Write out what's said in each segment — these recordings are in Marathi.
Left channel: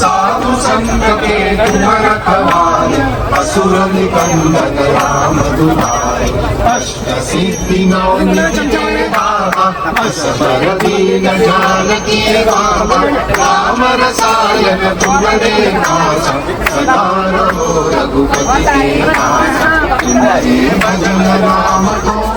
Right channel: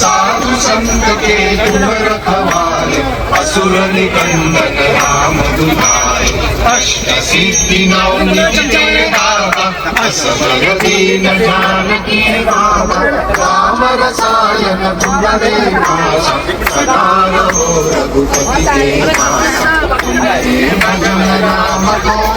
साधु संत के असुर निकंदन नाम दुलारे अष्ट सिद्धि नव निधि दाता असबर दीन जानकी बाबा राम रसायन तुमरे नासा सदा नमो रघुपति भजन नाम तो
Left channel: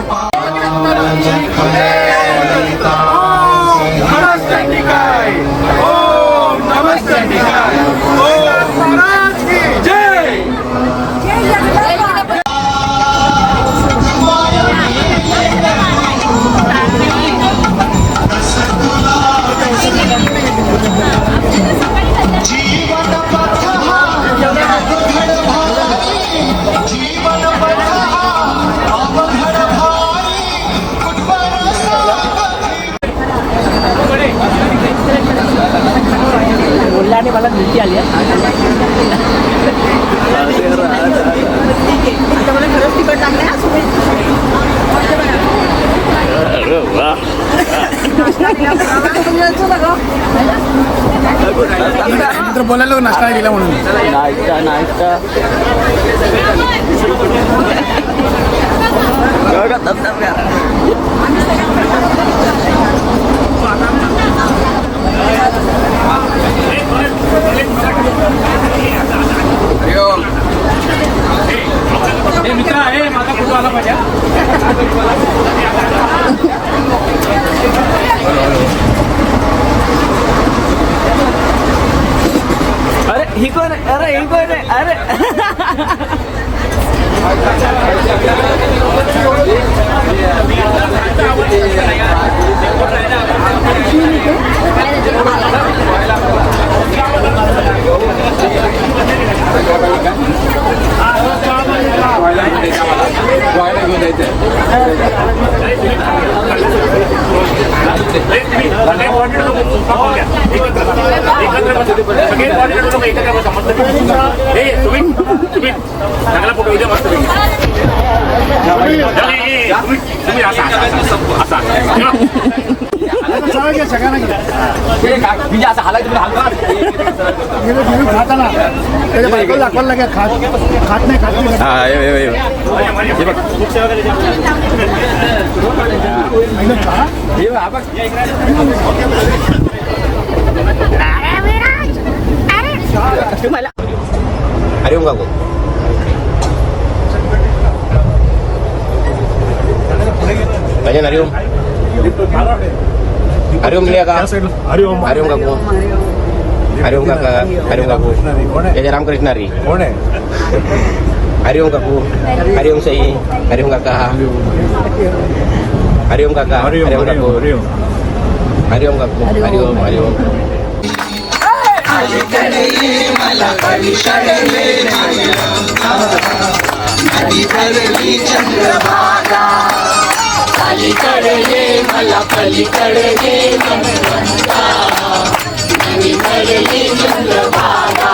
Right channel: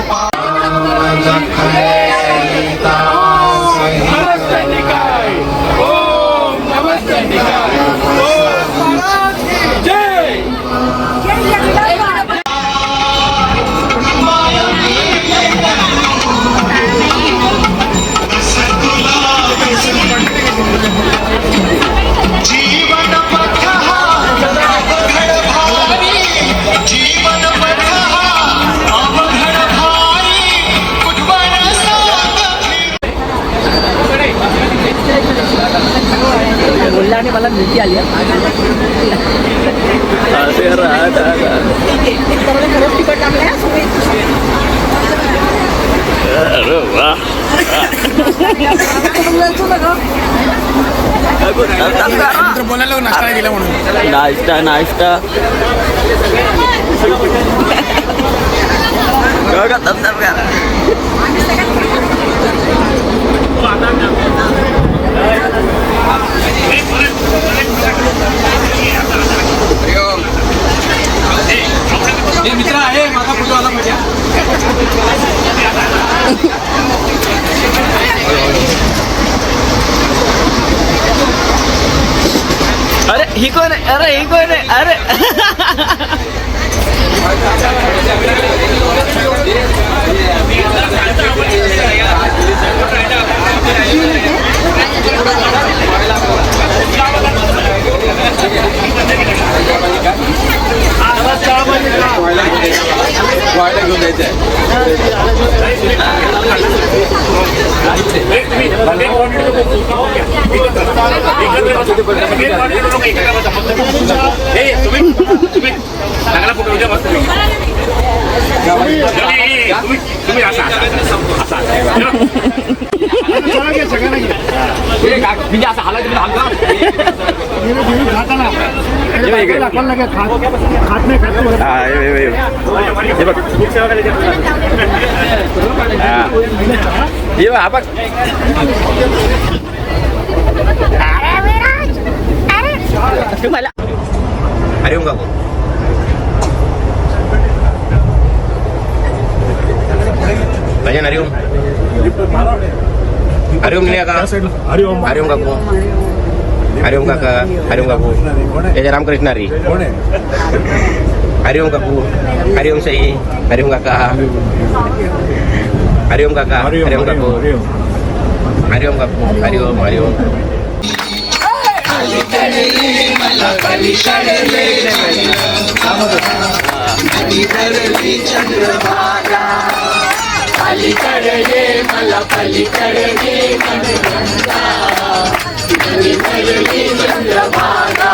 जीवन पथ जीवन पथ अवघड भारी कुटुंबाला बोलण्याने मला नक्की आली बोलायला नाश्ता दिला म्हणून नाश्ता ही कोण आहे? अरे ही कोण आहे? अरे चांगला फोटो उद्या मस्त म्हणजे असं हालायचं खात नाही अरे बाबू भजन हरिओम हरिओम मिळेल का हरिओम काकू हरिओम काका हरिओम काकू जय रामकृष्ण हरी हरिओम काकू हरिओम साई हरिओम काका हरिओम काका हरिओम काकू हरिओम काकू हरिओम हरिओम मला पलीकडे चंद्रभागा पलीकडे मला पलीकडे चंद्रभागा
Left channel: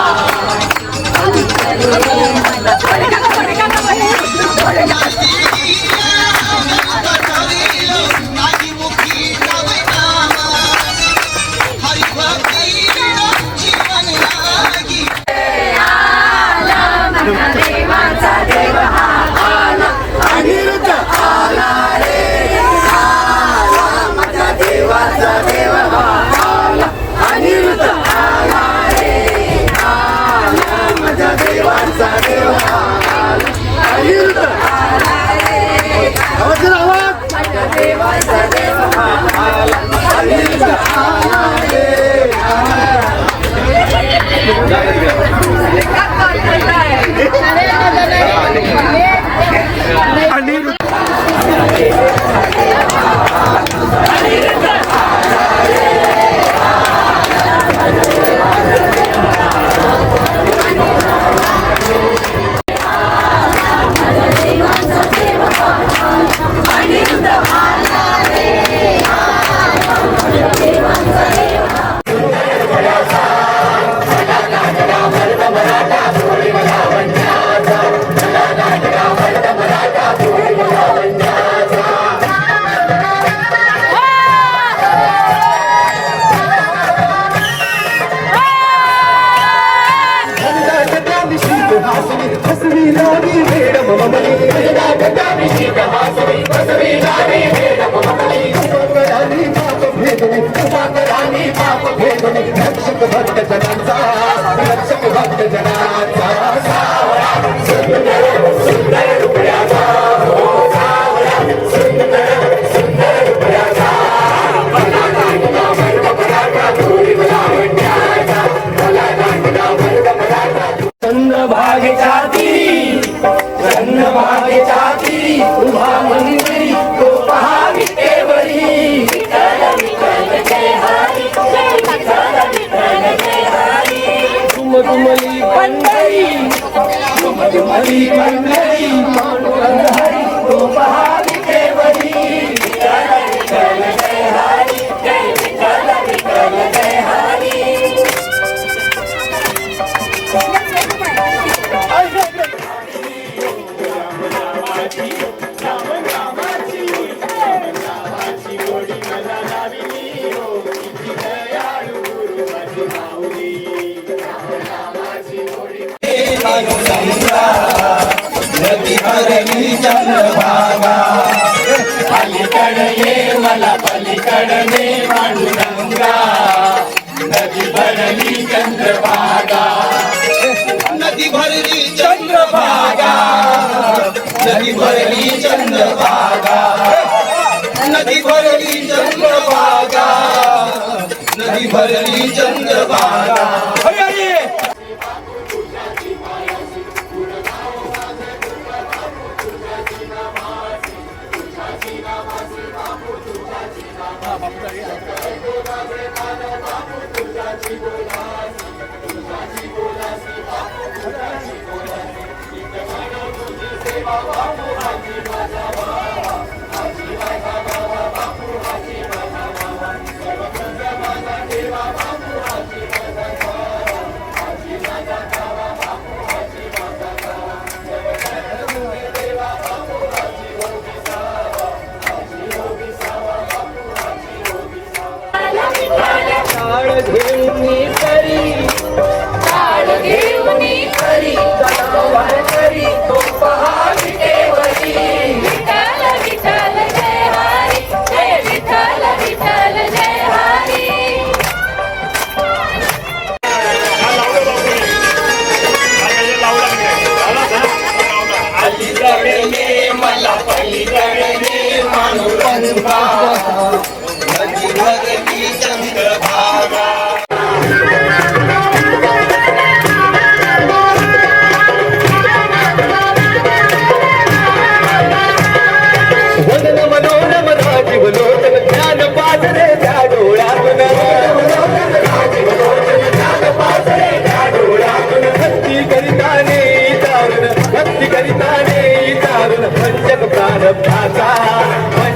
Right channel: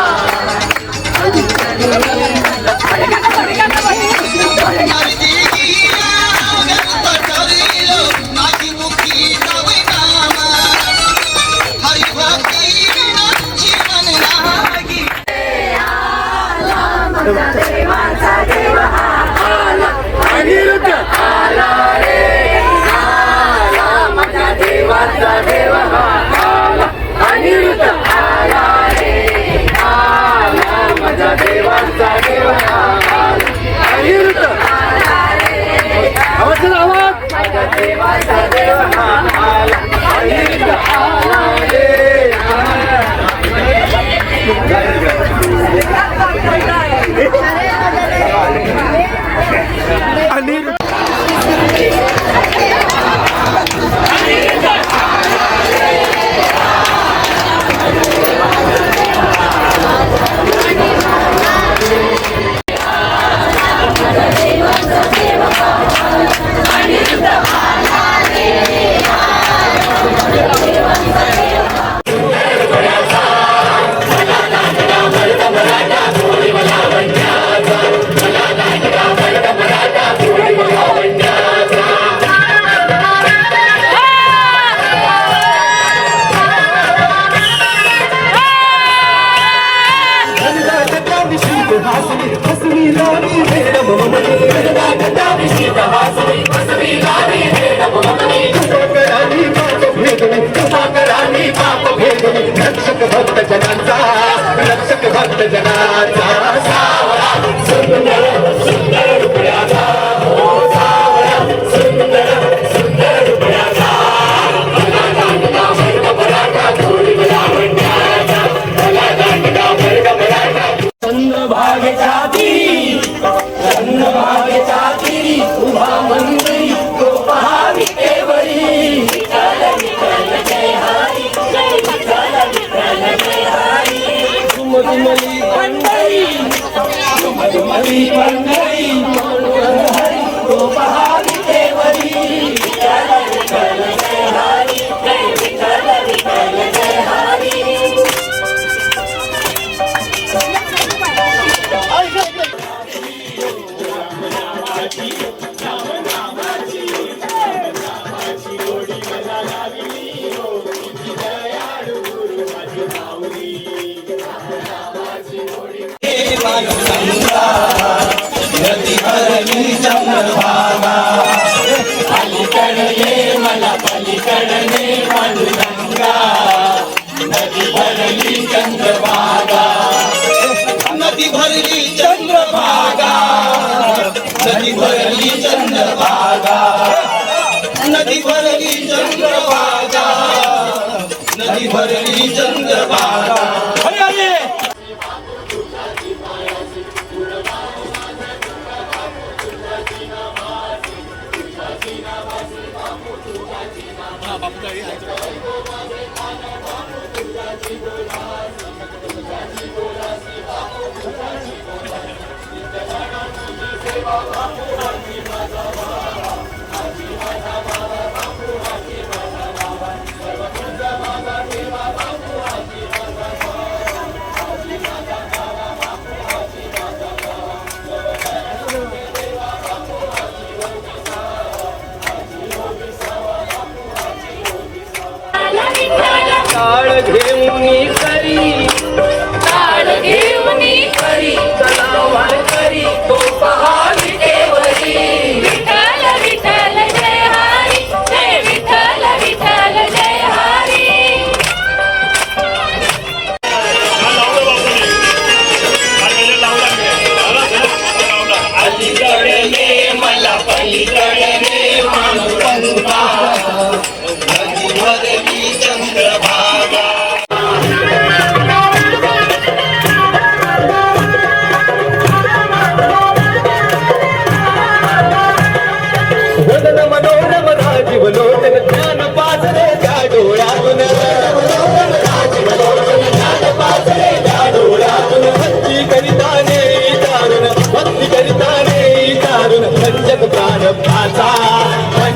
रक्षक भक्त जनांचा रक्षक भक्त जनांचा सावळा सुंदर सुंदर रुपयाचा सुंदर सुंदर रुपयाचा चंद्रभागेच्या तीरी चंद्रभागेच्या तीरी उभा मंदिरी तो पहा विटेवरी मधुमली पंढरी मधुमली पंढरी तो पहा विटेवरी नदी भरली चंद्रभागा अलीकडे ये मला पलीकडे पांडुरंगा नदी भरली चंद्रभागा नदी भरली चंद्रभागा नदी भरली चंद्रभागा नदी भरली चंद्रभागा नदी भरली चंद्रभागा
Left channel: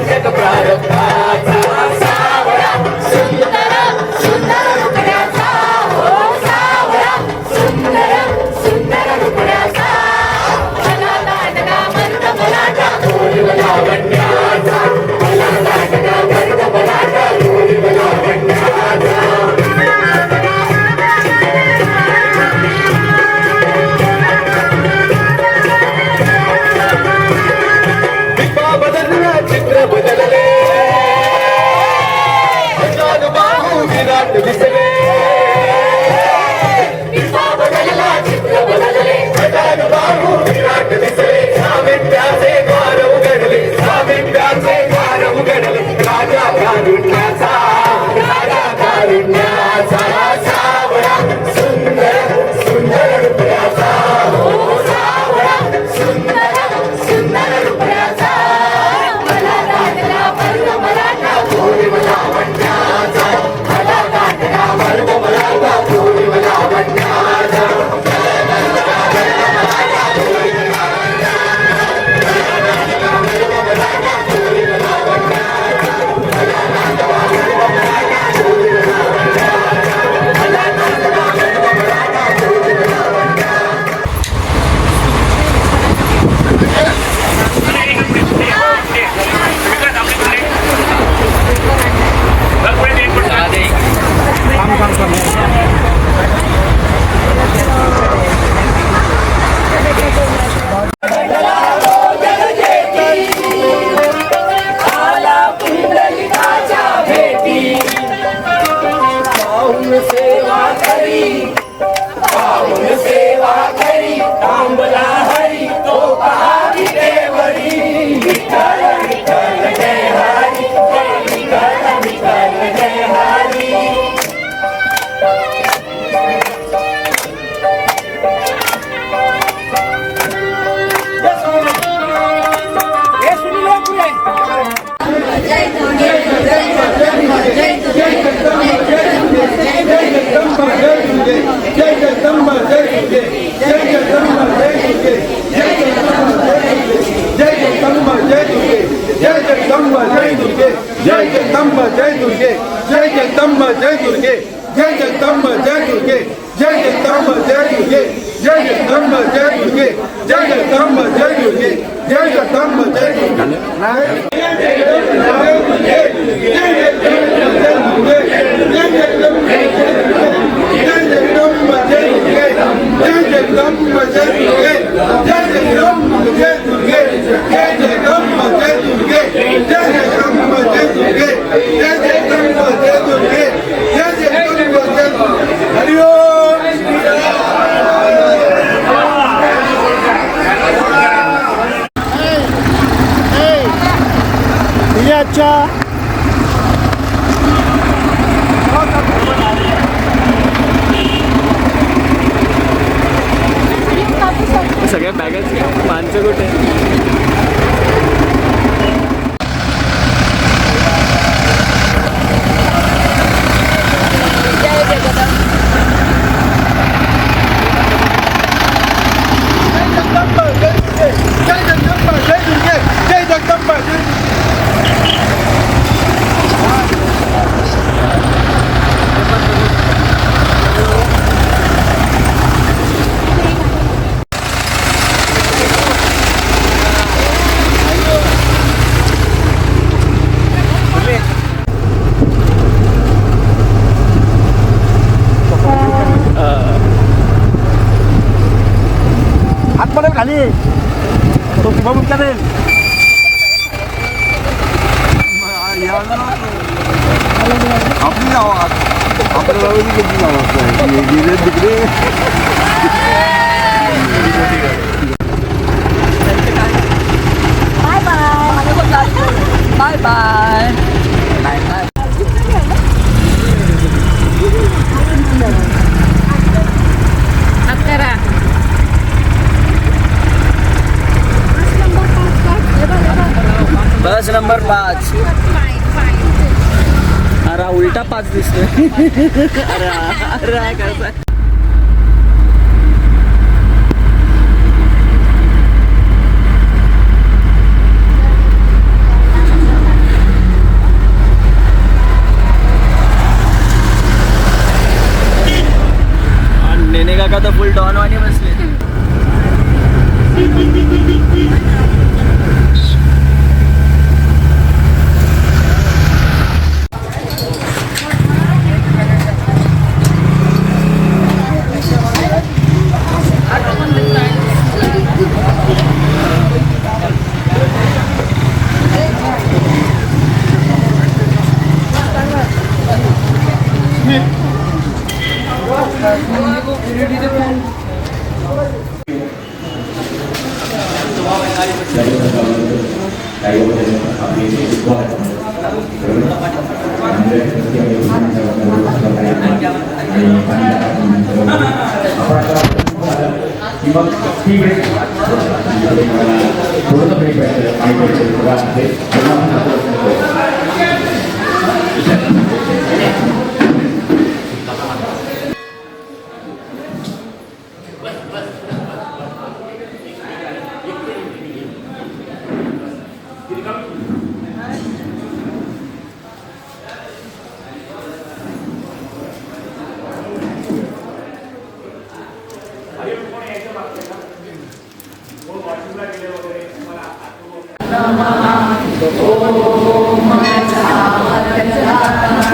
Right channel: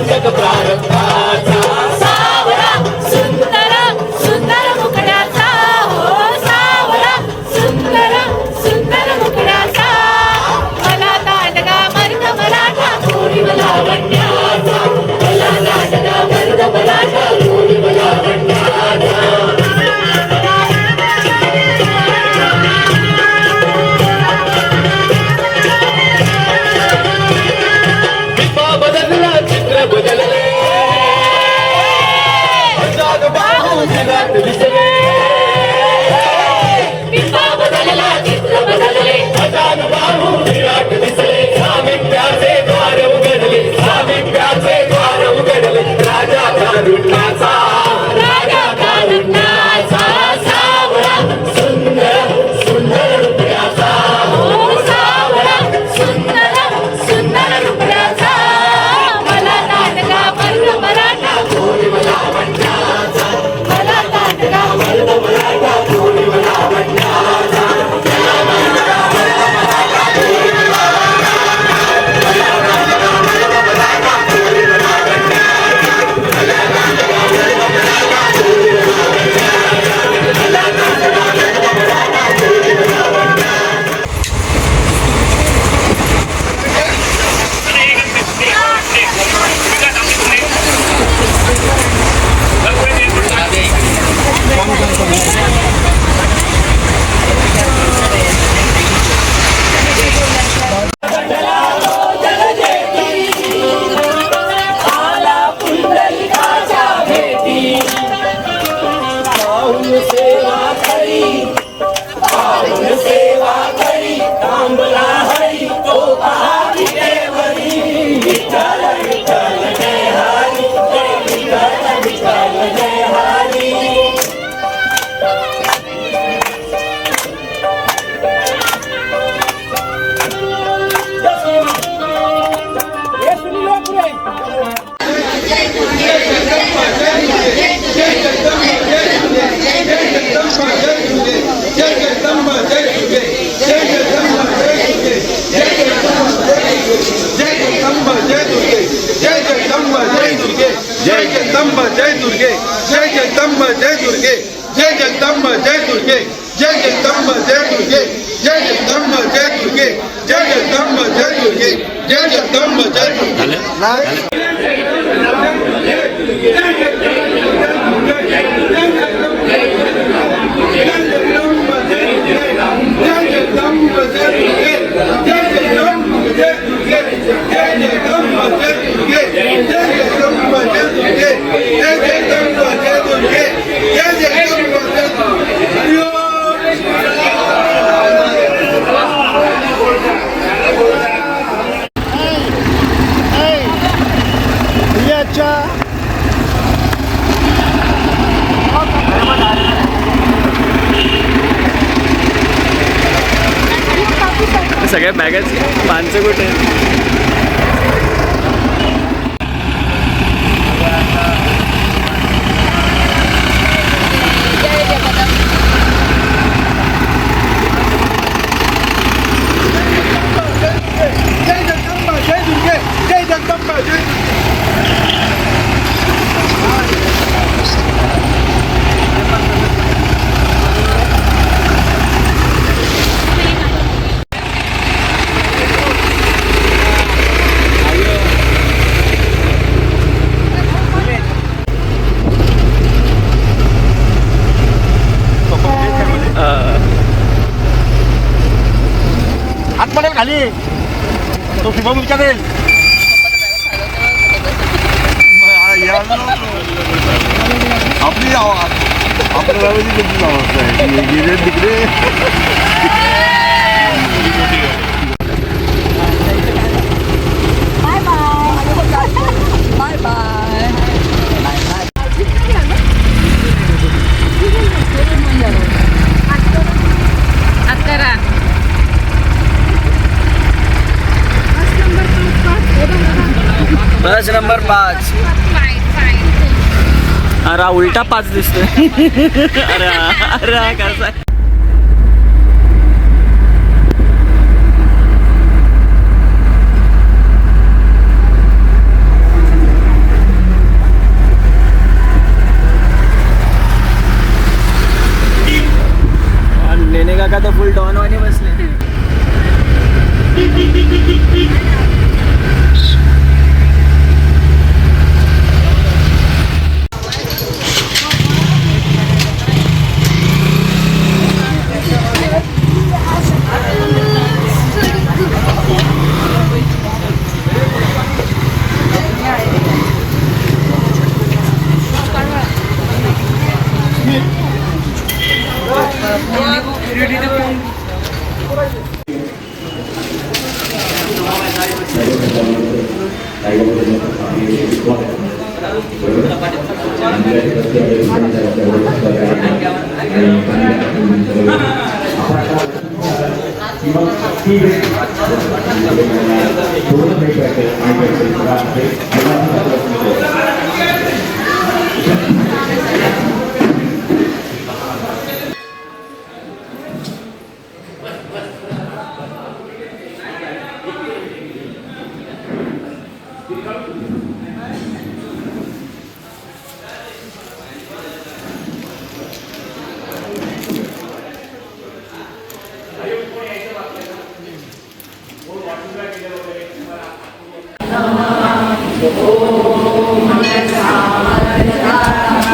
पंचक प्रारंभाचा जय दुर्गे जय जगदम्बा जय दुर्गे जय जगदम्बा जय दुर्गे जय जगदम्बा जय दुर्गे जय जगदम्बा जय दुर्गे जय जगदम्बा जय दुर्गे जय जगदम्बा जय दुर्गे जय जगदम्बा जय दुर्गे जय जगदम्बा जय दुर्गे जय जगदम्बा जय दुर्गे जय जगदम्बा जय सगळ्या बॅगेच माणसं कुठे आतमध्ये खाली तो फिरून विचारेल आपली आवाज आपल्या किती आवाज आहे गेले तिकडे बाय बाय बस नंबर 5 अरे उलटा 5 दिसतोय अरे अरे कसा नेने काका तर फुल डॉन वाणी बसले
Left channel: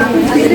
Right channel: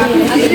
Om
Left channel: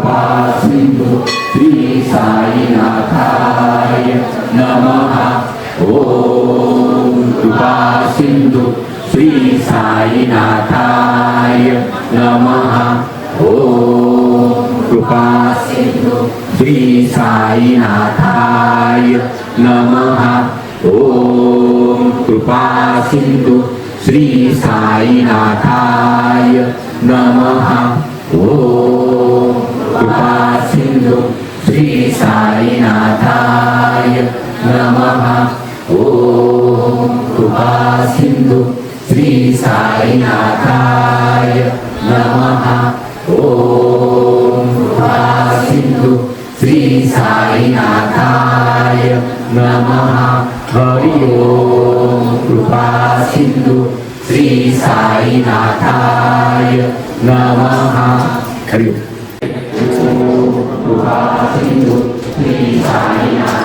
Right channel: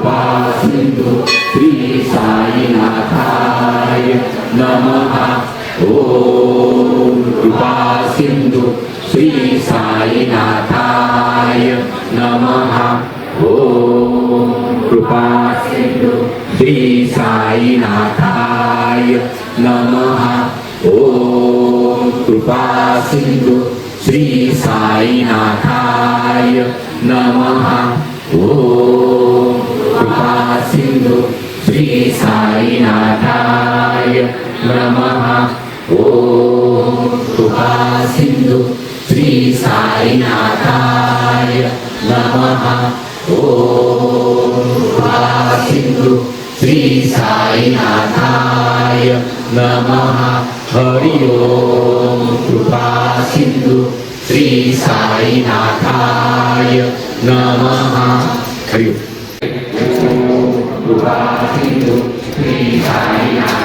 कृपा सिंधु श्री साईनाथाय नमः ओम कृपा सिंधु श्री साईनाथाय नमः ओम कृपा सिंधु श्री साईनाथाय नमः ओम कृपा सिंधु श्री साईनाथाय नमः ओम कृपा सिंधु श्री साईनाथाय नमः ओम कृपा सिंधु श्री साईनाथाय नमः ओम कृपा सिंधु श्री साईनाथाय नमः हरि ओम कृपा सिंधु श्री साईनाथाय नमः कृपा सिंधु श्री साईनाथाय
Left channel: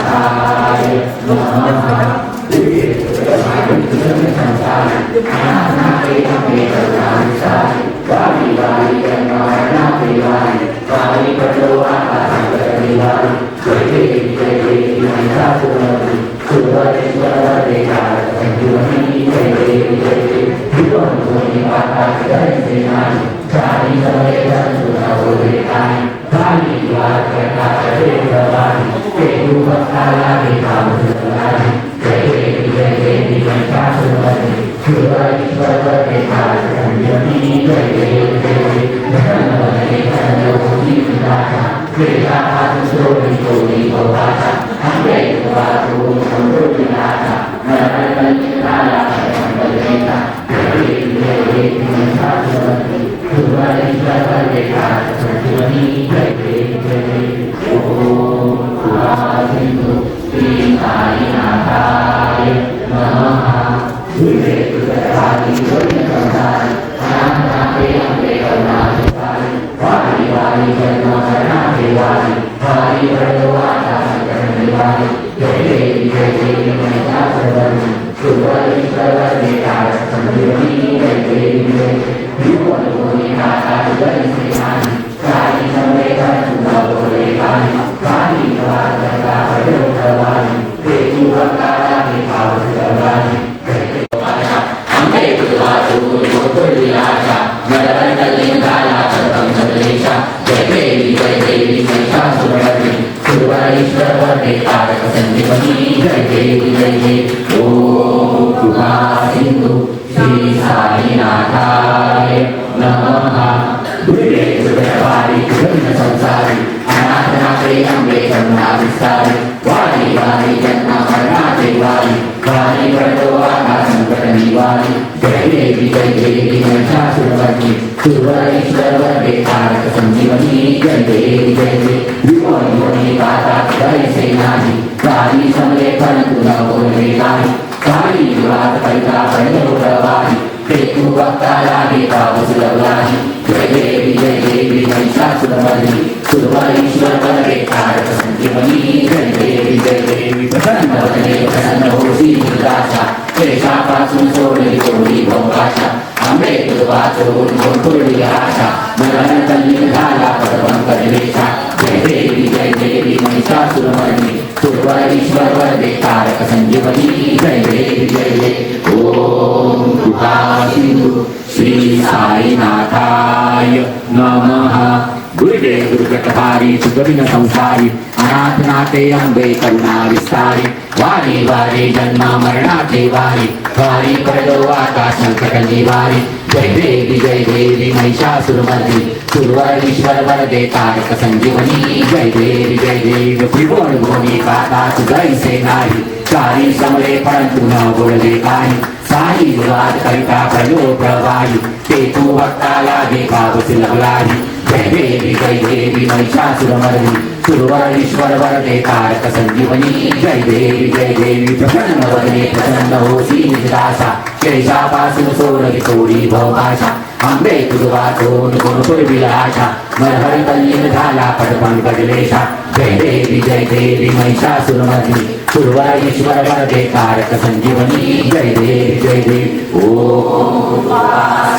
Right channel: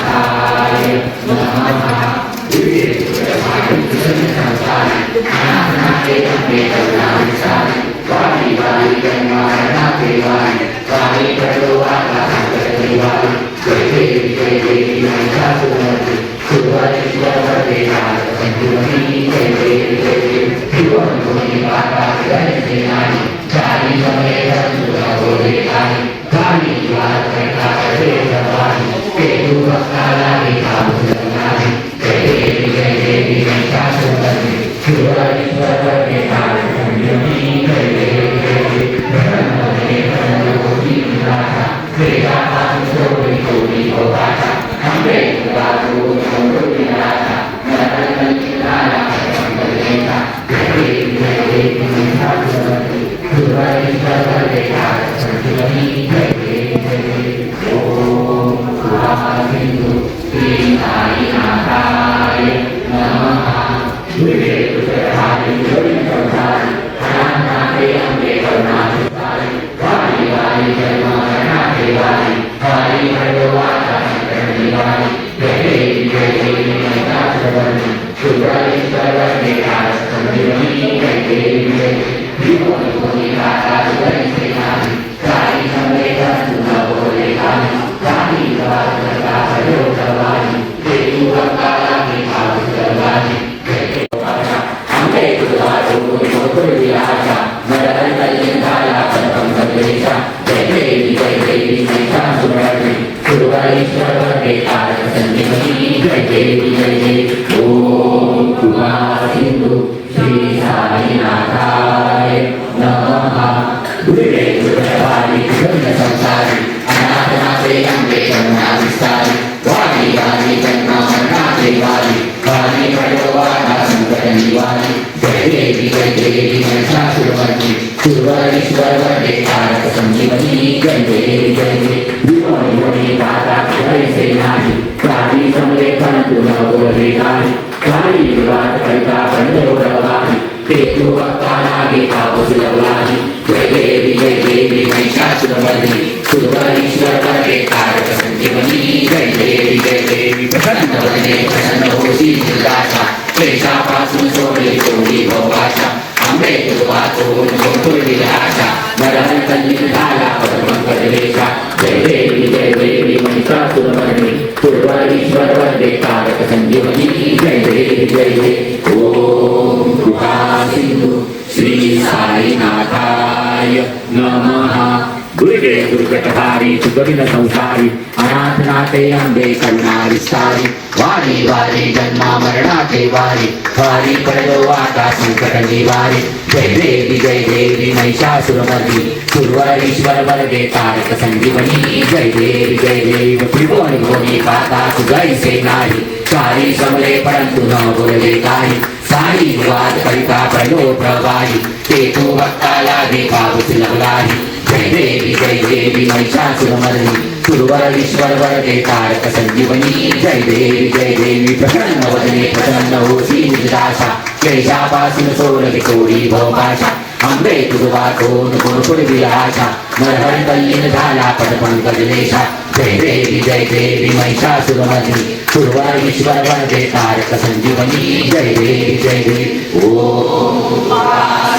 संसारी आराधनाते अंबे करुणा विस्तारी वारी वारी जन्म मरणाचे वारी हरी प्रणवाता संकट निवारी जय देवी महिषासुरमर्दी सुरवरीश्वर वरदे तारक संजीवनी जय देवी त्रिभुवन गोरी पानाथ जय सेनारी चारी समले परंतु न बोलले काही साई निवार करिता प्रलो प्रवाही ते तू वक्ताला देवा वसिलवलाही जय देवी महिषासुरमर्दी सुरवरीश्वर वरदे तारक संजीवनी जय देवी प्रसन्न वदने प्रसन्न होसी निदाशा केशापासून सोनली चोरी भोपाशा आंबे तुझवातो गुणपुर विलासा मरहर कल्लीन झाला पण बदलेशा जय देवी महिषासुरमर्दी सुरवरीश्वर वरदे तारक संजीवनी जय देवी ओम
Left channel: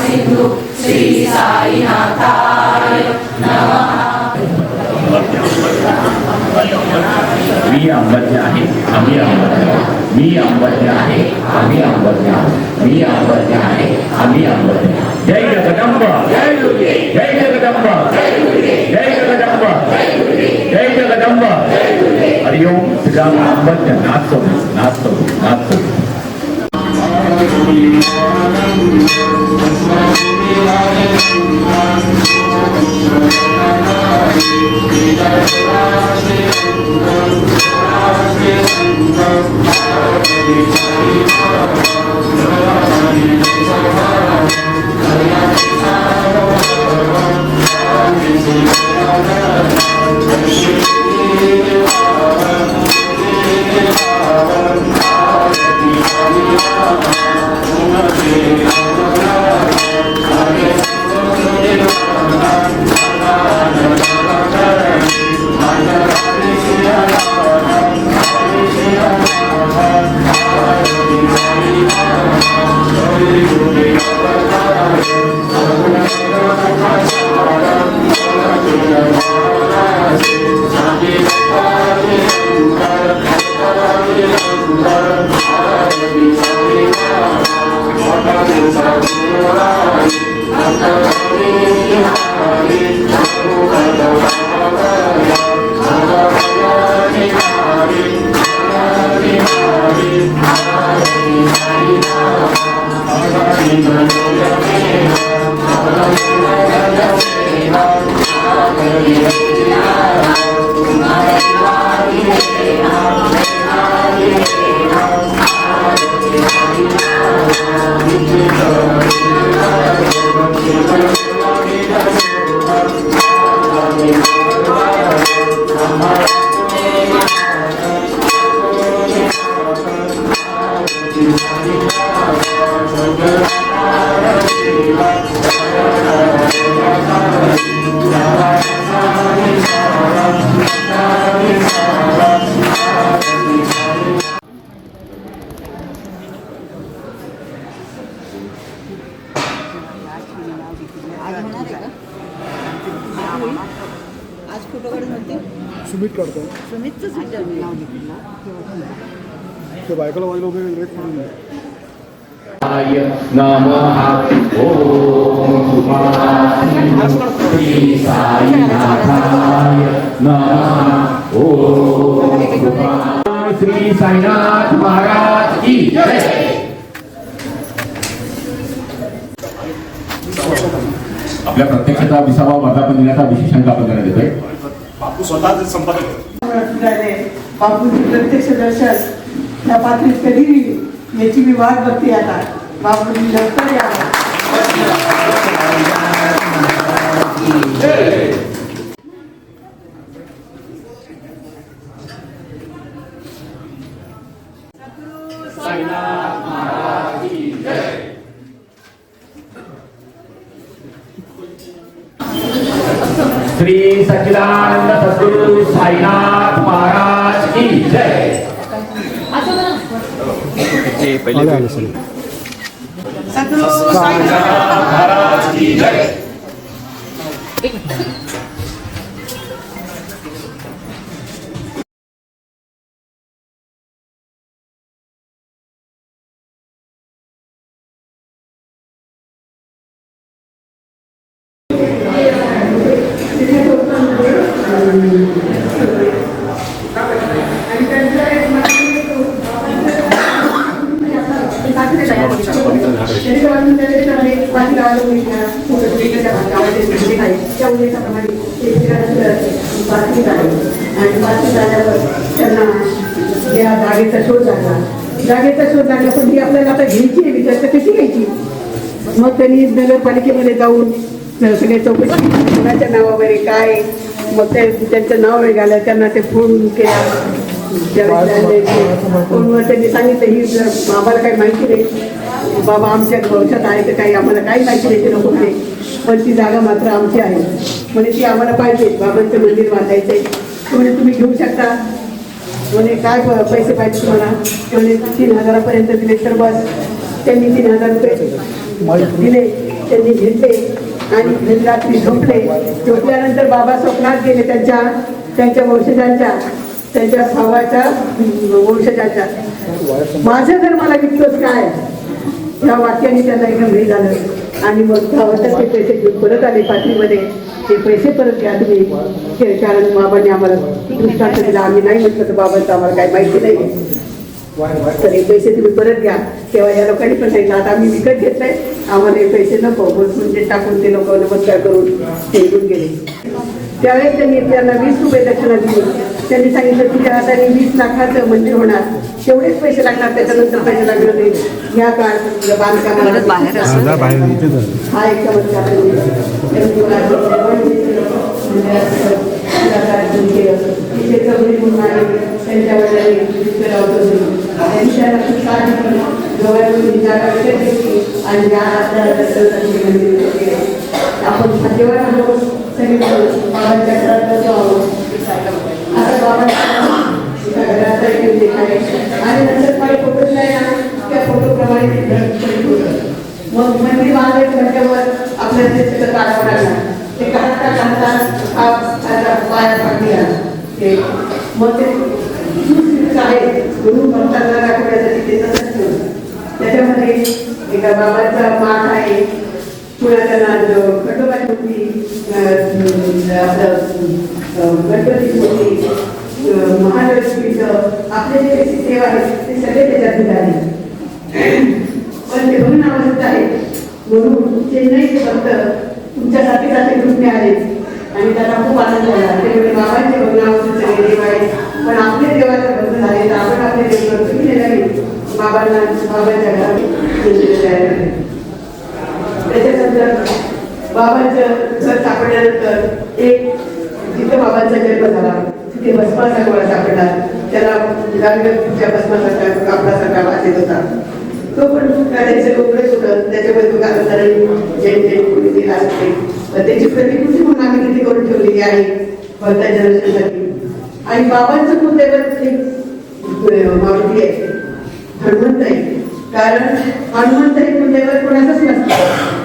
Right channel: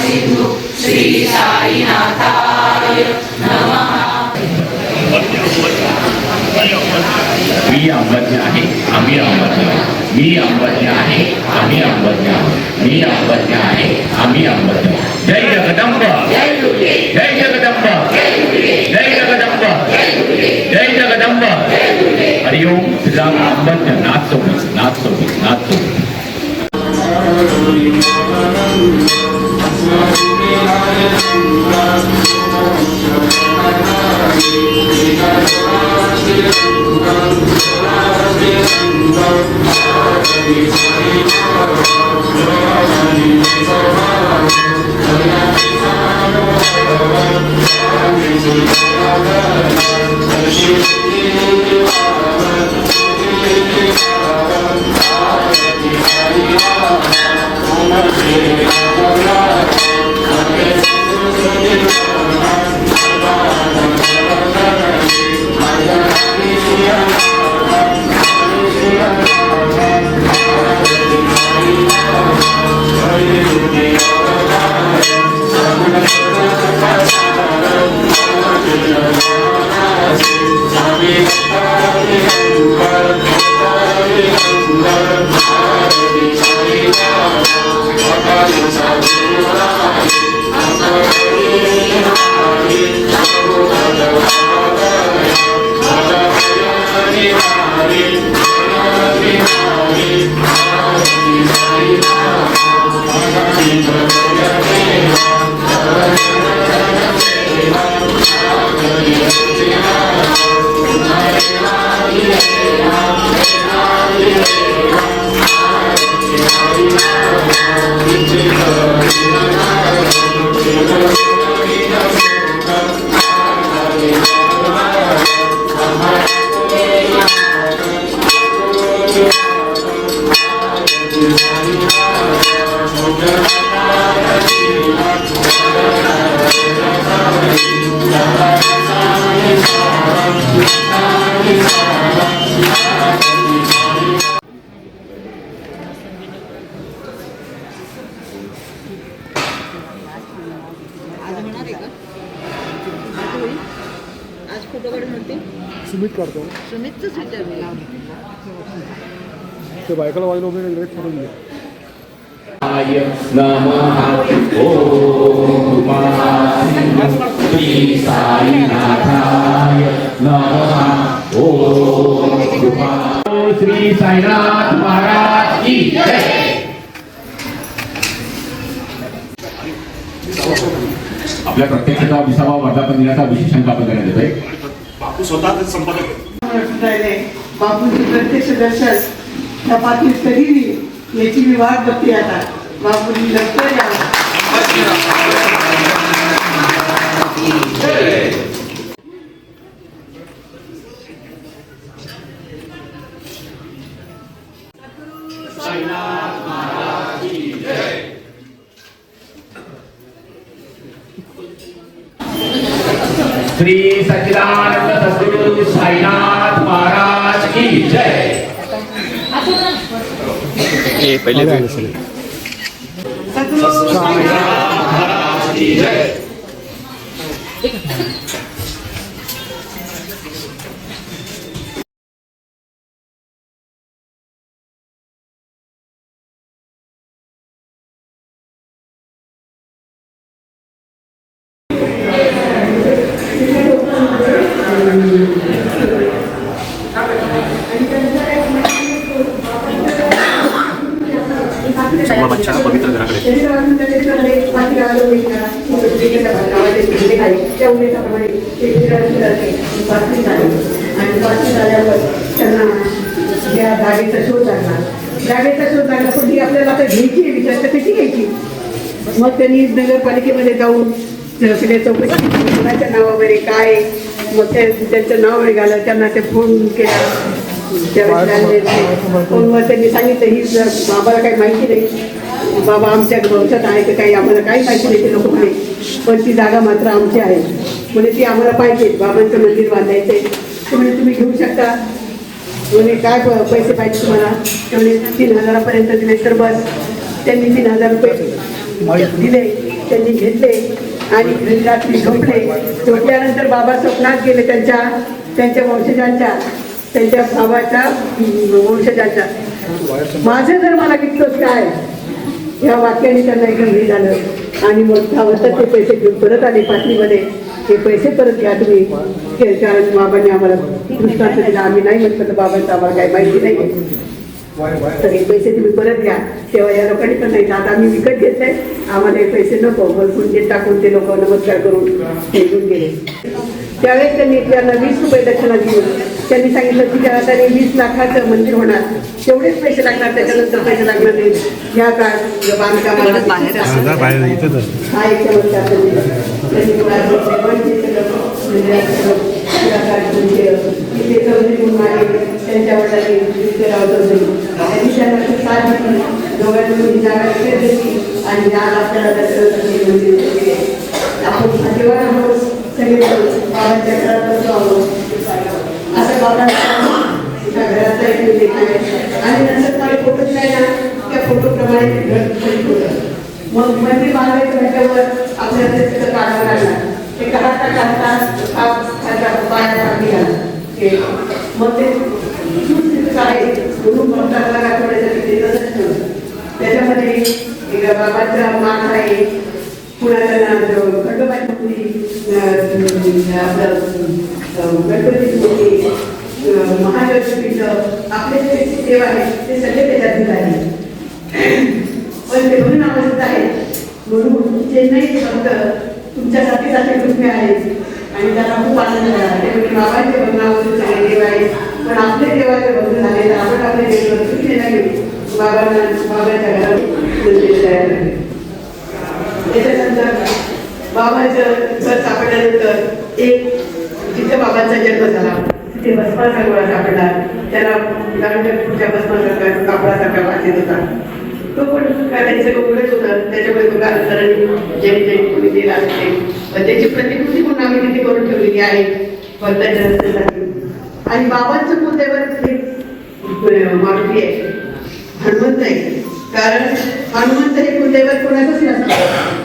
सिंधु श्री साईनाथाय नमः मी अंबज्ञ आहे आम्ही अंबज्ञ मी अंबज्ञ आहे आम्ही अंबज्ञ मी अंबज्ञ आहे आम्ही अंबज्ञ जय जगदंब जय जगदंब जय जगदंब जय जगदंब हरिओम श्रीराम अंबज्ञ नाथ सुमित करतो ते बायकोला वाईन वगैरे सोडून द्या. श्री साईनाथ महाराज की जय. आपल्या प्रत्येकाचा 20वा वर्धापन दिनाचा विशेष आपण देण्यात येतोय. बापू स्वतःच संपादक बापूंची प्रत्यक्ष दर्शन या पातळीत कधी मी याची मी वाट बघते आता. बापूंनी लवकर यावं. श्री सच्चिदानंद सद्गुरु साईनाथ महाराज की जय. पहिले महाराज की जय. जागेचा शोध लागला पण ती आपल्याला आता घ्यायची आहे विचार कशी घ्यायची. मग त्यांनी नगरपालिकेमध्ये जाऊन सगळ्या चौकशी नावावर काय मग ते त्यांचं नाव निघालं. त्यांना ते फोन केला फोनवर त्यांनी सांगितलं ही आम्हाला काही माहिती नाही बाबा आमच्या गवशात आहे तर काही आम्हाला काही माहिती नाही केलं कुठे पण ती जागा मात्र आमची आहे म्हणजे ती आम्हाला पाहिजे. बाबांचं मंदिर बांधायचं आहे म्हणजे तुम्ही घेऊ शकता. म्हणजे काय पैसे पाहिजे तुम्हाला म्हणजे 3,000पर्यंत दिले तर बस. त्यांनी 3,000 रुपये दिले त्यांनी घेतले आणि झोपले. झोपल्यानंतर बाबा स्वप्नात गेले त्यांच्या त्यांच्या वंशजांच्या, त्यांच्या भावाच्या वंशजांच्या. माझं जर मला विकतोच काय, ह्या वाक्याने त्यांना एकदम हे झालं आणि मग भावाच्या ते पैसे घेऊन परत आले पाठीमध्ये. ते पैसे परत द्या तुम्ही, कारण बाबांनी आम्हाला दृष्टांत दिला. आम्ही नाही म्हटलं तर बाबांचं आम्हाला काही माहिती नाही तर हे पैसे तुम्ही परत घ्या. तेव्हा या लोकांनी पण नाही, आता आम्ही विकत घेतले, आम्हाला हे पैसे नको, भरपूर जे टाकून ते लोक नमस्कार करून ते घेऊन गेले. त्यावेळेस त्यांना 20 रुपये दक्षिणा दिली. त्यांनी सांगितलं तुझ्या हाताने 20 लाखाचं मंदिर होणार, तेवढेच पैसे लागणार, त्याच्यानंतर पैसे लागणार नाही. या काळात बांधकामाला हा एक चमत्कार त्यांनी मला आणि नंतर काही फोटो दिला त्या फोटोप्रमाणे मग मंदिर म्हटल्यावर आपल्या तिथं काढावं लागणार. ते काढता मग ते आहे गुरु पंथाला राखण्यासाठी ते तसंच ठेवलं. त्याच्यामध्ये एका बाबांचा माठ आहे, पुण्याच्या खंडोबाची मूर्ती, आपलं गणपतीची मूर्ती, महालक्ष्मीचं आपले जे देव आहे ते सगळे त्याच्यात आहे. पण ते म्हणून आवडत आहे म्हणून ते नाही फक्त तुमच्यासाठी जाते कृपया आहेत आणि त्यांना खूप आनंद झाला. ते म्हणजे बाबांचे बंगलावरून सगळे देव आहेत, पण आपले देवाचे बंधन झाले तर आपण आपले देव तुम्ही ते नवीन बाबांना बाबांच्या घरात. त्याच्यानंतर बाबांचं घर सापडल्यानंतर एक जिथं बाबांचा जन्म झाला तिथे भस्माचा गोळा सापडला. त्याला गांडीवरच्या भस्मासारखा कापडासारखा बांधलेला होता. तो पण त्याचं उघडच होता. त्याच्यामुळे तो कारागीरांनी ज्यांनी कोणी दिला असते त्याची प्रतिकृती म्हणून आम्ही तिथे करून ठेवलेली आहे भक्तांसाठी. आणि बाबांचं कुलदैवत तिथे मारुती आहे, हनुमंत आहे. कारण हनुमंत हे कुलदैवत कोणाचंच नसतं,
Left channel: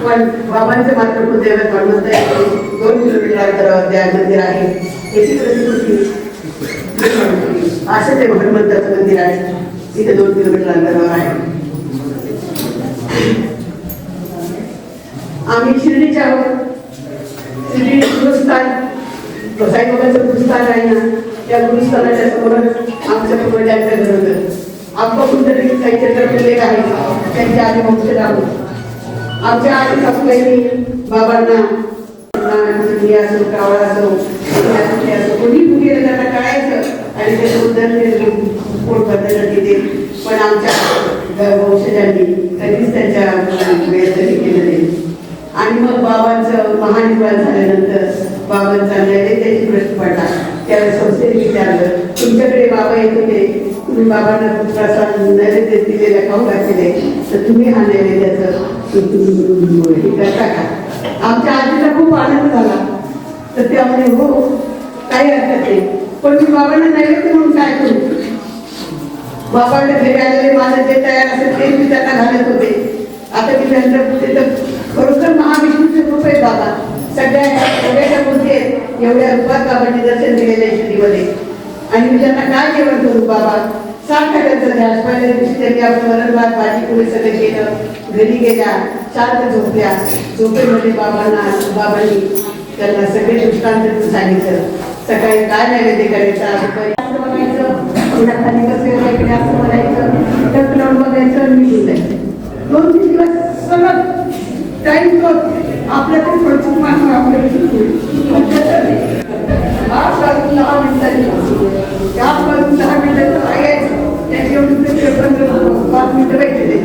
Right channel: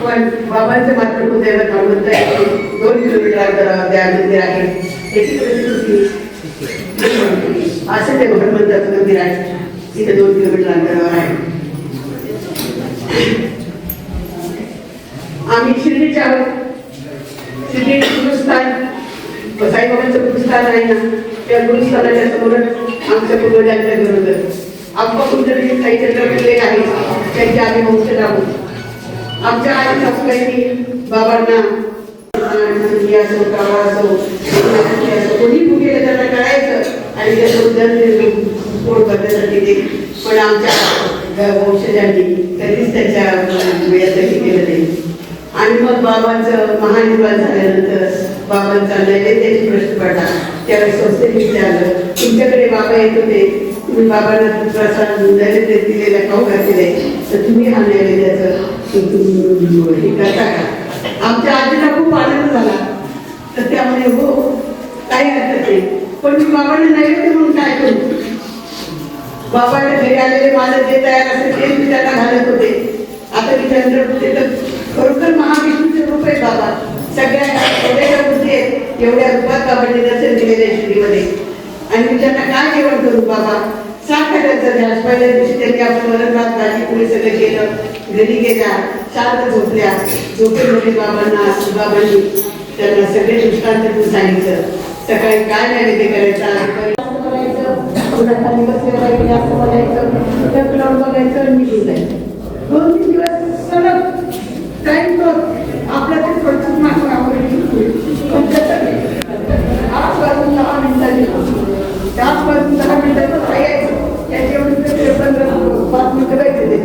पण बाबांचं मात्र कुलदैवत हनुमंत आहे. 2 किलोमीटर अंतरावर त्या मंदिर आहे. त्याची प्रतिकृती असं ते हनुमंताचं मंदिर आहे, तिथे 2 किलोमीटर अंतरावर आहे. आम्ही शिर्डीच्या शिर्डी गुरुस्थान साईबाबांचं गुरुस्थान आहे ना, त्या गुरुस्थानाच्या समोर आमच्या पूर्वजांच्या घर होतं. आमचं कुंडली काही चंद्रपूरले आहे, त्यांच्या आधी वंशज आहोत. आमच्या आई सासूबाईंनी बाबांना असो कावळा असो कोणी गेलं त्यांना कळायचं आणि त्याचं पोट भरण्यासाठी ते. पण आमच्या वंशजांनी कधीच त्याच्या वेळेत केलं नाही. आणि मग बाबांचं महानिर्वाण झाल्यानंतर बाबांचा नैवेद्याची प्रश्न पडला. त्यावेळेस संस्थेने विचारलं तुमच्याकडे बाबा येत होते, तुम्ही बाबांना प्रसाद नैवेद्य दिलेल्या खाऊ घातलेले, तर तुम्ही हा नैवेद्याचं हे करता का? आमच्या आजीला खूप आनंद झाला. तर त्यामध्ये हो काही हरकत नाही, पण मी बाबांना नैवेद्य म्हणून काय करू? बाबांना घरी आलेले माझं जे तयार असेल ते मी त्यांना घालत होते. आता मी चंद्रपूर तर खरोखर महाविष्णूचे रूप आहे बाबा. सगळ्या एवढ्या मूर्ती आहेत, एवढ्या रूपात बाबांनी दर्शन दिलेलं आहे शिर्डीमध्ये. आणि मी त्यांना काय जेवण करू बाबा? सारखा त्यांचा ध्यास. पहिल्या दिवशी त्यांनी आपलं वरण भात भाजी पोळी सगळं केलं, घरी गेल्या, शांत झोपल्या. झोपेमध्ये बाबांनी त्यांना सगळे दृष्टांत सांगितलं. सकाळी काय नैवेद्य करायचा, पुन्हा खाली बसलेला इकडे असं बोलायचं, टक लावून बघायचं, मी शिकायचं. 2-3 दिवस सलग टाईम आपल्या ते थोडंसं मानून आपल्याला शिकवून 8 वाजून 10 मिनिटांनी 8 वाजून 10 मिनिटाचं यायचं. त्याची एवढी 5 मिनिटं व्हायचे ते.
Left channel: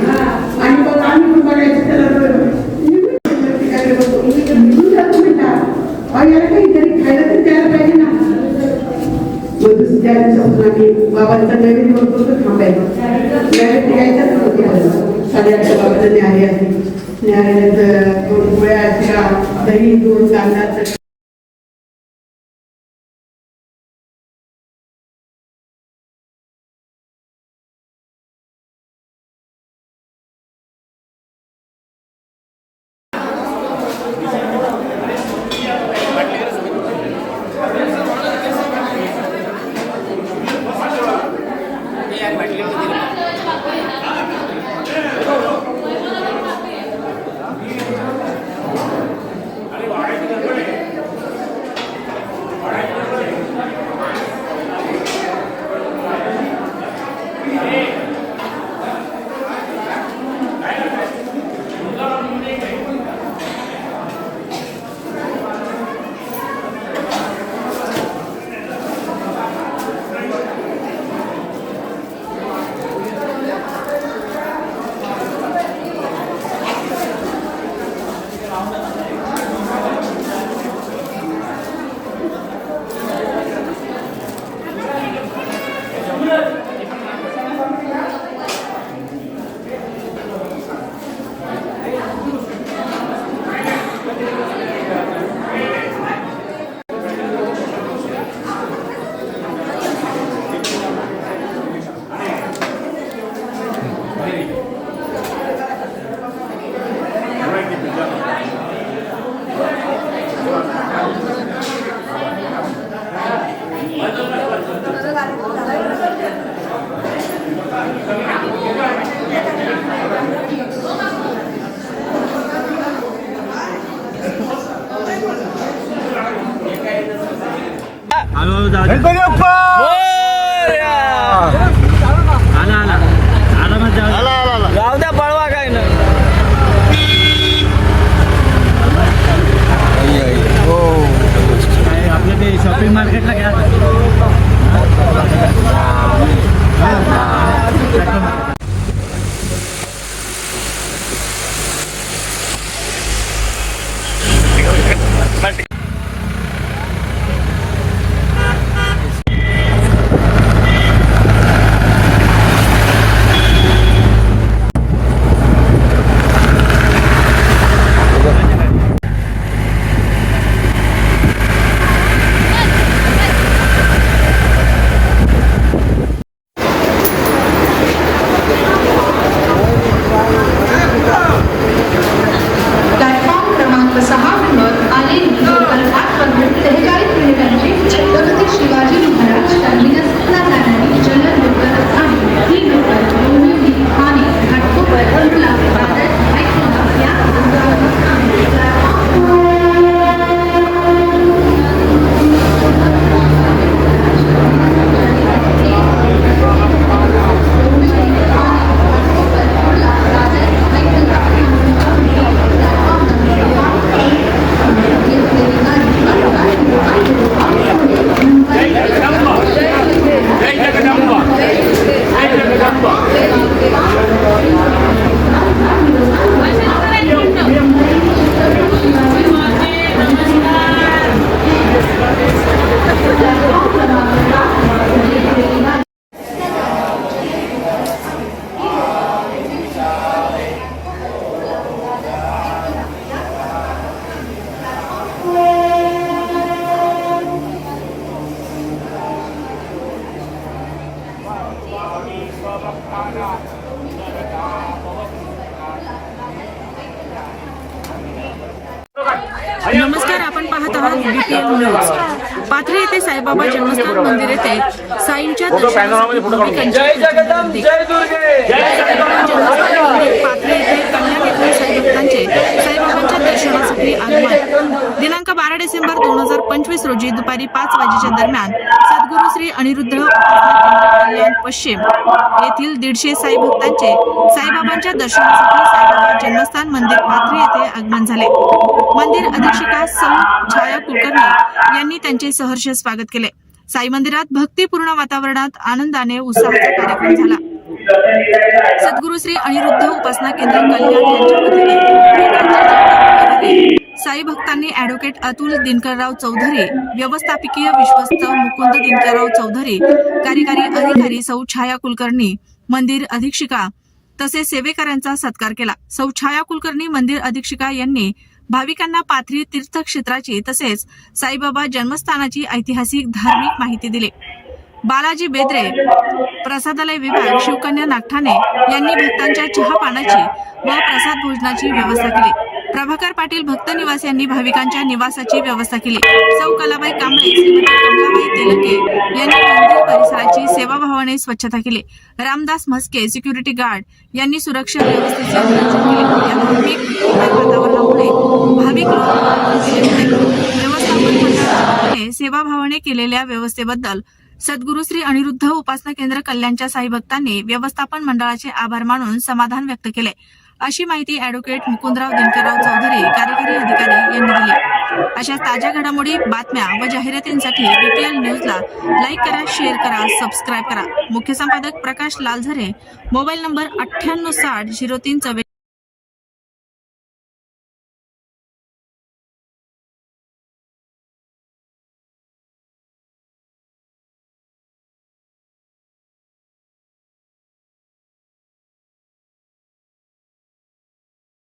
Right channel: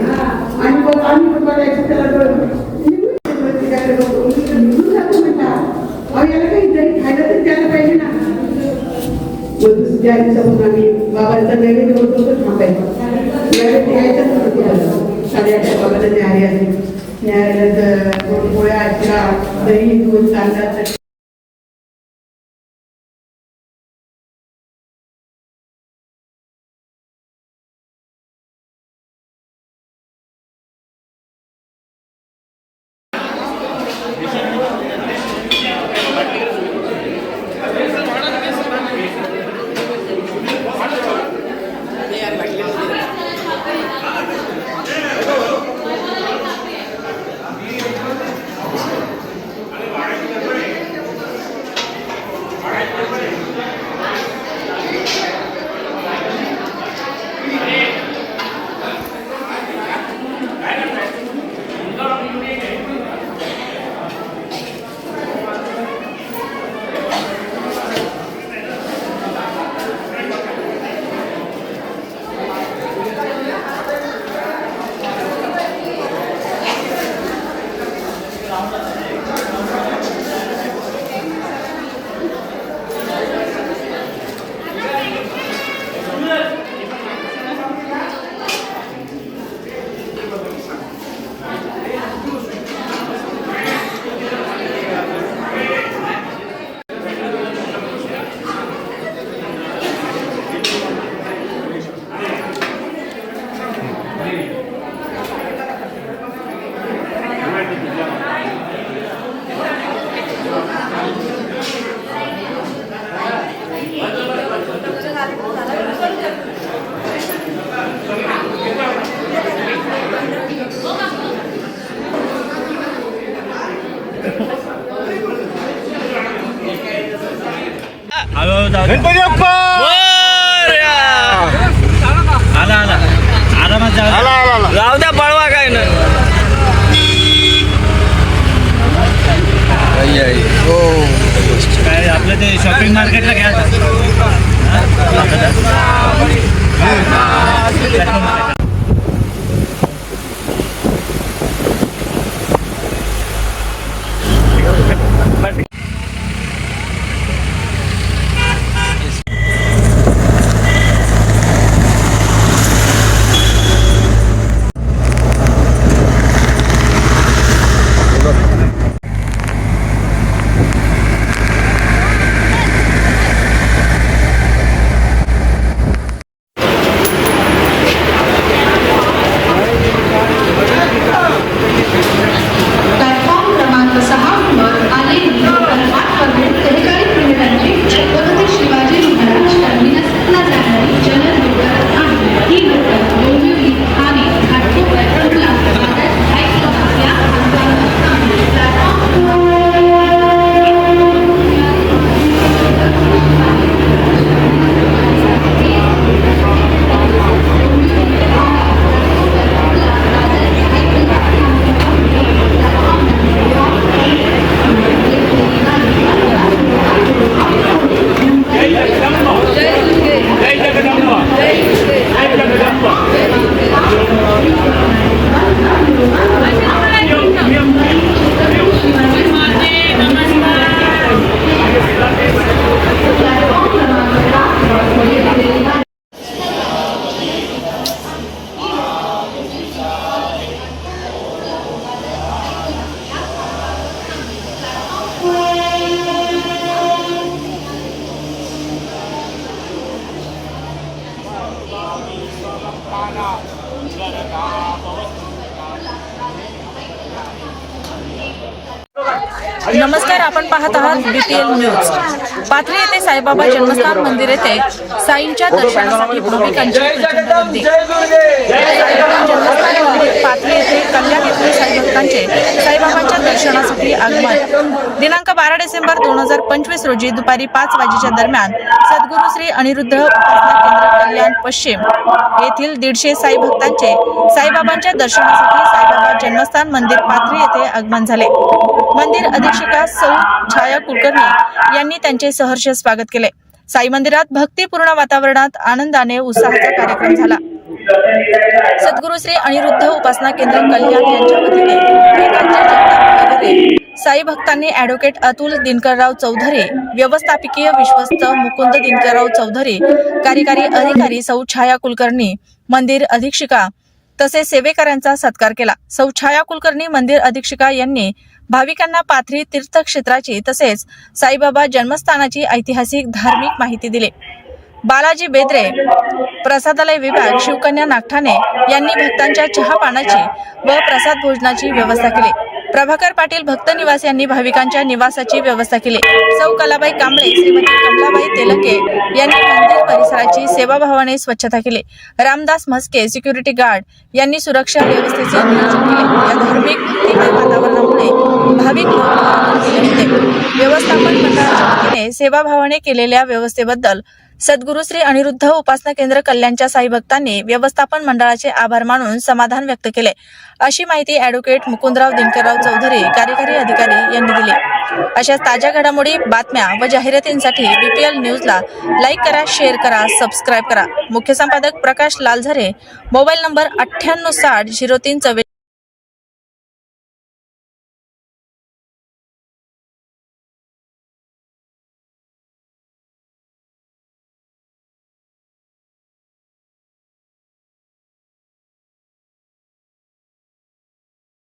आणि मग आम्ही पण बघायचं त्याला निघून जातो बेटा, याला काहीतरी खायला तरी द्यायला पाहिजे ना. त्या दिवसापासून आम्ही बाबांचा नैवेद्य होतो तर थांबायचं. नैवेद्य यायच्याच होतं. 8:30 बाबाला न्याहारी आहे. न्याहारीनंतर 2 पोळ्या, शिरा, दही, दूध, कांदा गणपती बाप्पा राहू द्या पळवा काय ना काय आपलं ते शॉपिंग मार्केटला घ्या प्लॅटफॉर्म क्रमांक 6 वर आलेली लोकल 8 मध्ये 43 मिनिटांची छत्रपती शिवाजी महाराज टर्मिनसला जाणारी जनरल लोकल आहे. ही लोकल डोंबिवली आणि घाटकोपर कुर्ला बाजार ऐकला या नमस्कार, आपण पाहत आहात BTN न्यूज. पाथरी येथे साईबाबा जन्मस्थान मंदिर येथे साईंच्या दर्शनासाठी भाविकांची गर्दी. पाथरी येथे कन्या येथील साईभक्तांचे साईबाबांच्या दर्शनासाठी आगमन. दिनांक 12 डिसेंबर 2025 रोजी दुपारी 5 वाजेच्या दरम्यान सद्गुरू श्री अनिरुद्ध उपासना केंद्र कल्याण पश्चिम येथील 150 साईभक्तांचे साईबाबांच्या दर्शनासाठी साईबाबा जन्मस्थान मंदिर पाथरी येथे आगमन झाले. मंदिर अधीक्षिका सौ छाया कुलकर्णी यांनी त्यांचे सहर्ष स्वागत केले. साई मंदिरात भक्तिपूर्ण वातावरणात आनंदाने उत्साहाचा कार्यक्रम झाला. सद्गुरू श्री अनिरुद्ध उपासना केंद्र कल्याण यांच्या वतीने साई भक्तांनी ॲडव्होकेट अतुल दिनकरराव चौधरी, व्यवस्थापकीय विश्वस्त मुकुंद दिनकरराव चौधरी, कार्यकारी अधिकारी सौ छाया कुलकर्णी, मंदिर अधीक्षिका तसेच सेवेकरांचा सत्कार केला. सौ छाया कुलकर्णी मंदिर अधीक्षिका यांनी भाविकांना पाथरी तीर्थक्षेत्राची तसेच साईबाबा जन्मस्थानाची ऐतिहासिक धार्मिक माहिती दिली. बालाजी बेद्रे, प्रसादालय विभाग, शिवकन्या नागठाणे यांनी भक्तांच्या चहा पानाची व प्रसाद भोजनाची व्यवस्था केली. प्रभाकर पाटील भक्त निवास यांनी भाविकांच्या निवासाची व्यवस्था केली. सौ कलाबाई कांबळे, श्रीमती कमलाबाई तेलंगे यांनी मंदिर परिसराची सेवाभावाने स्वच्छता केली. रामदास म्हस्के, सिक्युरिटी गार्ड यांनी सुरक्षा व्यवस्थेचे नियोजन केले. या धार्मिक वातावरणामुळे भाविक लोक व्यवस्थापन मंडळाच्या वतीने सेवाभावाने केलेल्या व्यवस्थेबद्दल सद्गुरू श्री अनिरुद्ध उपासना केंद्र कल्याणच्या साई भक्तांनी व्यवस्थापन मंडळाचे आभार मानून समाधान व्यक्त केले. अशी माहिती ॲडव्होकेट मुकुंदराव दिनकरराव चौधरी, कार्यकारी अधिकारी यांनी दिली. अशाच ताज्या घडामोडी, बातम्या व जाहिरातींसाठी BTN न्यूजला लाईक करा, शेअर करा, सबस्क्राईब करा. मुख्य संपादक प्रकाश लालझरे, मोबाईल नंबर 9860 03